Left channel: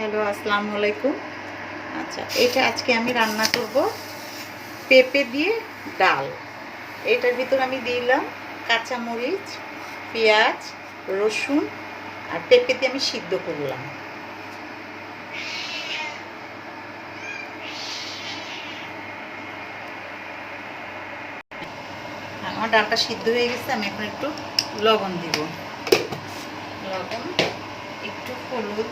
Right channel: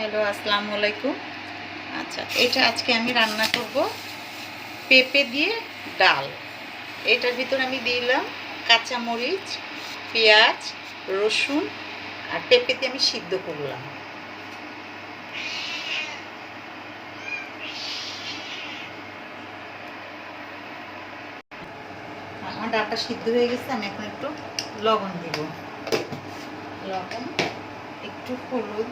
Hello, আসসালামু আলাইকুম। আচ্ছা, এটা আজকে আমি রান্না করব পেঁপে দিয়ে ডাল। এটার ভিতর আমি দিলাম কাঁচামরিচ, পেঁয়াজ, রসুন আর পেঁপে দিয়ে আমি সিদ্ধ করলাম। আমার ডালটা সিদ্ধ হয়ে গেছে, আমি এখন একটু লবণ দিব। লবণ, একটু হলুদ,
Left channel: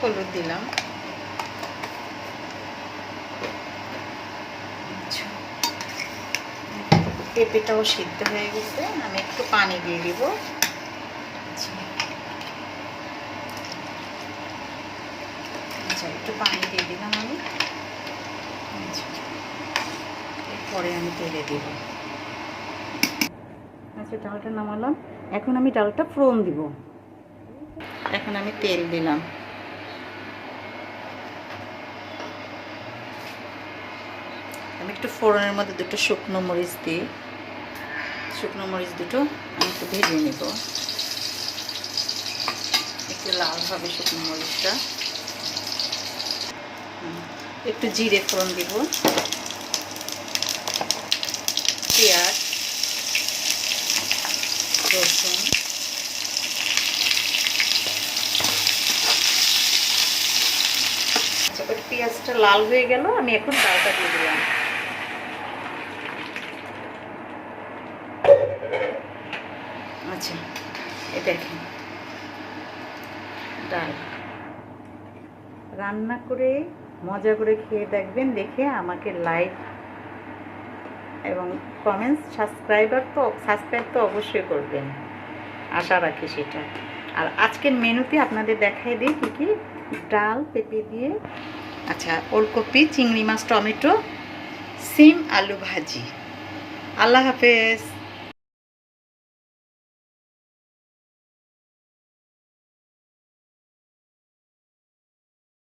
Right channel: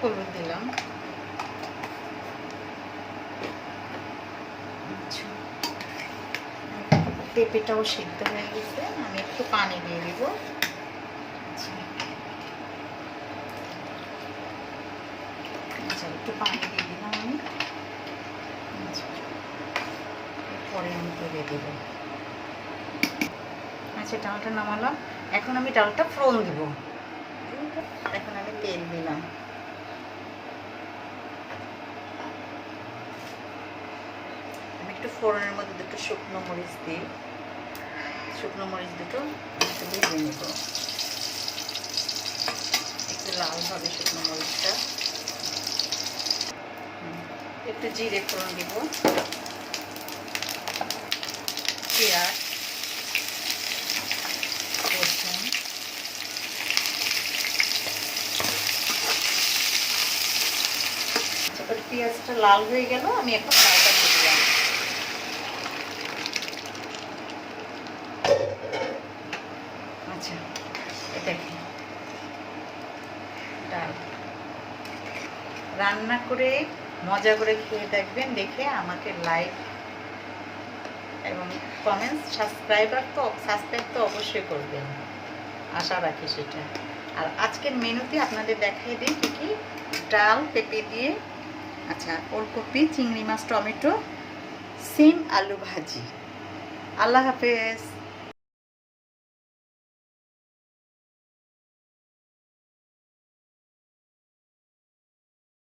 হলুদ দিলাম। পেঁপেটাও সিদ্ধ হয়ে গেছে, আমি একটু পানি দিয়ে দিব। আচ্ছা, একটু পানি দিয়ে দিলাম আমি। এরপরে আমি তেলে দেব। আচ্ছা, ডালটা নামালাম। এখন আমি ডালটা ফোড়ন দিব। এখন আমি তেল দিলাম। আমি একটু ফোড়নের মধ্যে দুটো শুকনো মরিচ দিই। শুকনো মরিচ দুটো আমি একটু ভেজে নেব, একটু লাল হবে শুকনো মরিচটা। একটু জিরে ফোড়ন দিব, পেঁয়াজ, রসুন, পেঁয়াজটা লাল হয়ে গেল, আমি এখন ডালটা দিয়ে দিলাম। আচ্ছা, এ দেখেন ডাল রান্না করে মজা করে খেয়ে দেখবেন, দেখে আমাকে লাইক এবং কমেন্টস, সাবস্ক্রাইব তো অবশ্যই করবেন, আশা রাখি সেটা। আর আজকের মেনুতে আপনাদের দেখাই দিই কী কী। ডাল পেঁপে দিয়ে, আচ্ছা, ওলকপি, চিংড়ি মাছ, টমেটো, সিম, আলু ভাজি। আল্লাহ হাফেজ।